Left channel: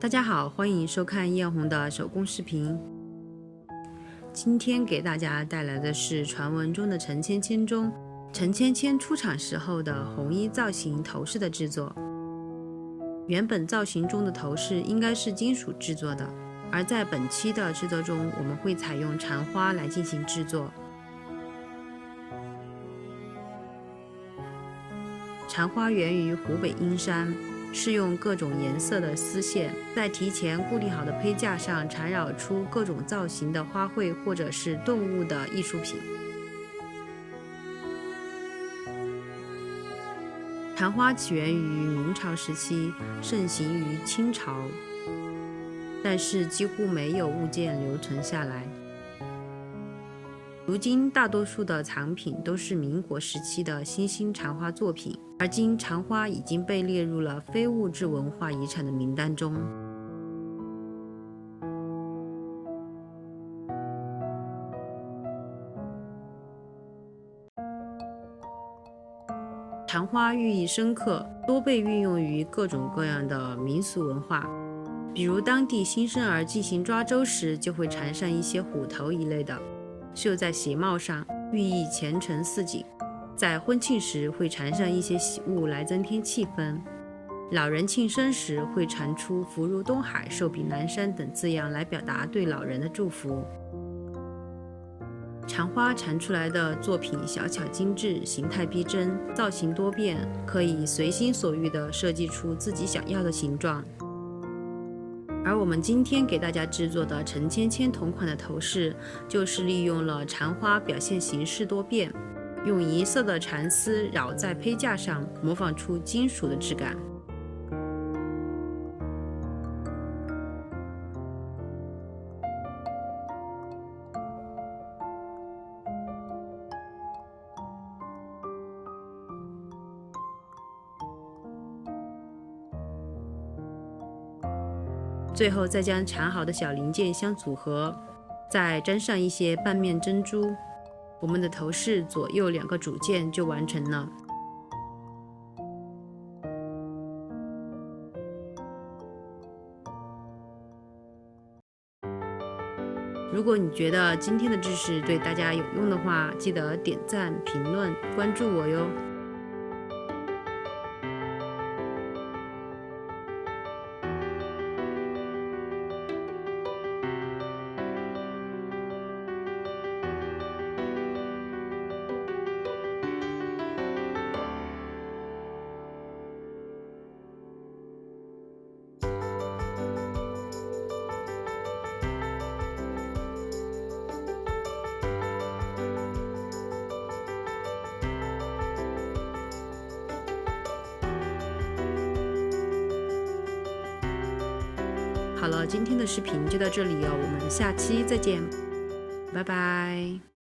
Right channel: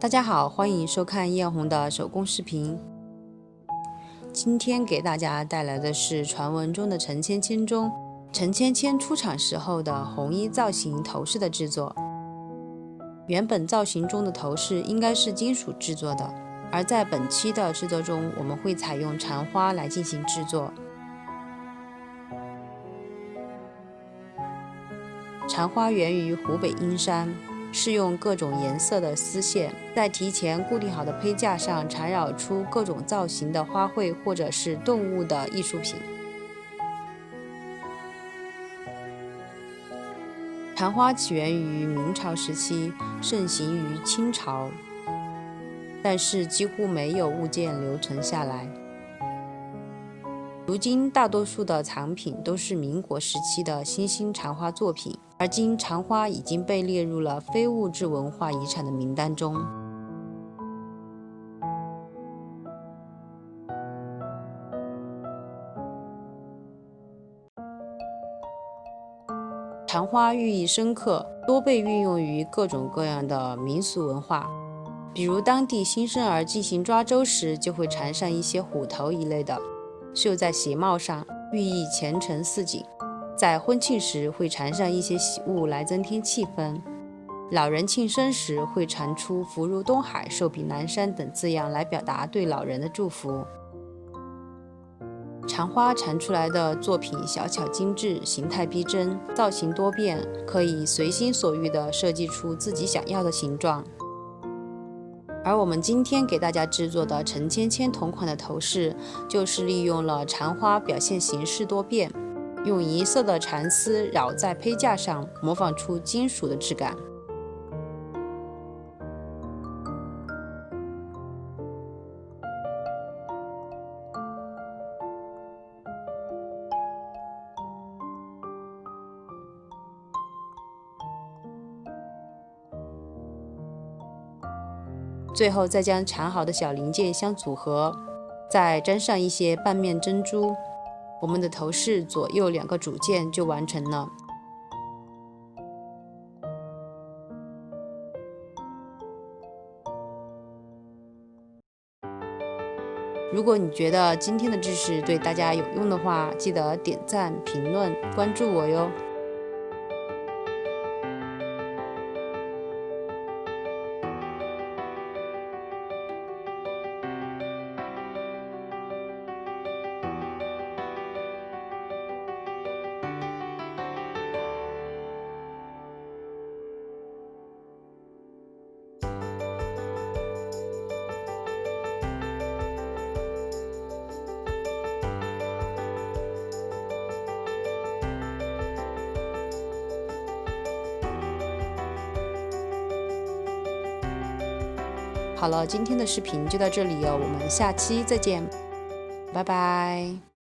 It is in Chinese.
大家好，欢迎收看艳红的手工视频。今天给大家带来的是传闻中的陈芊芊中陈芊芊出场时候的红衣造型头饰的制作。原本造型中的头饰应该是金属制作的，而在本期的制作中，我们会采用蝉花来进行制作。蝉花源于湖北阴山，是用各种颜色的丝线在提前固定好的胚架上缠绕出各种造型的花卉或者是动物的艺术品。蝉花起源于明朝时期，盛行于清朝，但是几乎没有物件留存下来。如今大多数的藏品都是民国时期的新兴蝉花作品，而今蝉花已经被列入了非物质文化遗产的名单中。蝉花寓意深刻，多被运用于各种各样的民俗文化，比如当地新生儿进行抓周时，就会缠上一些虎头一类的，绣在鞋帽上，寓意前程似锦。在婚庆时会缠上一些喜物来增添气氛，老人庆生时会缠出福如东海、寿比南山等字样来表达对老人的祝福。蝉花缠出来的作品小巧精致，形态逼真，造型多变，可以随心所欲地设计出自己想要的形状。而我们今天给大家制作的陈芊芊同款的头饰，就是利用了蝉花表现形式多变，用银色的蚕丝绕在胚架上，模仿出金属的质感。最后再将缠好的小零件相组合，再粘上一些半面珍珠，我们的头饰左右2个主件就完成了。如果你觉得今天的知识对大家有用的话，记得点赞、评论、关注我哟。好了，今天的视频就到这里哦，我们下期再见，拜拜。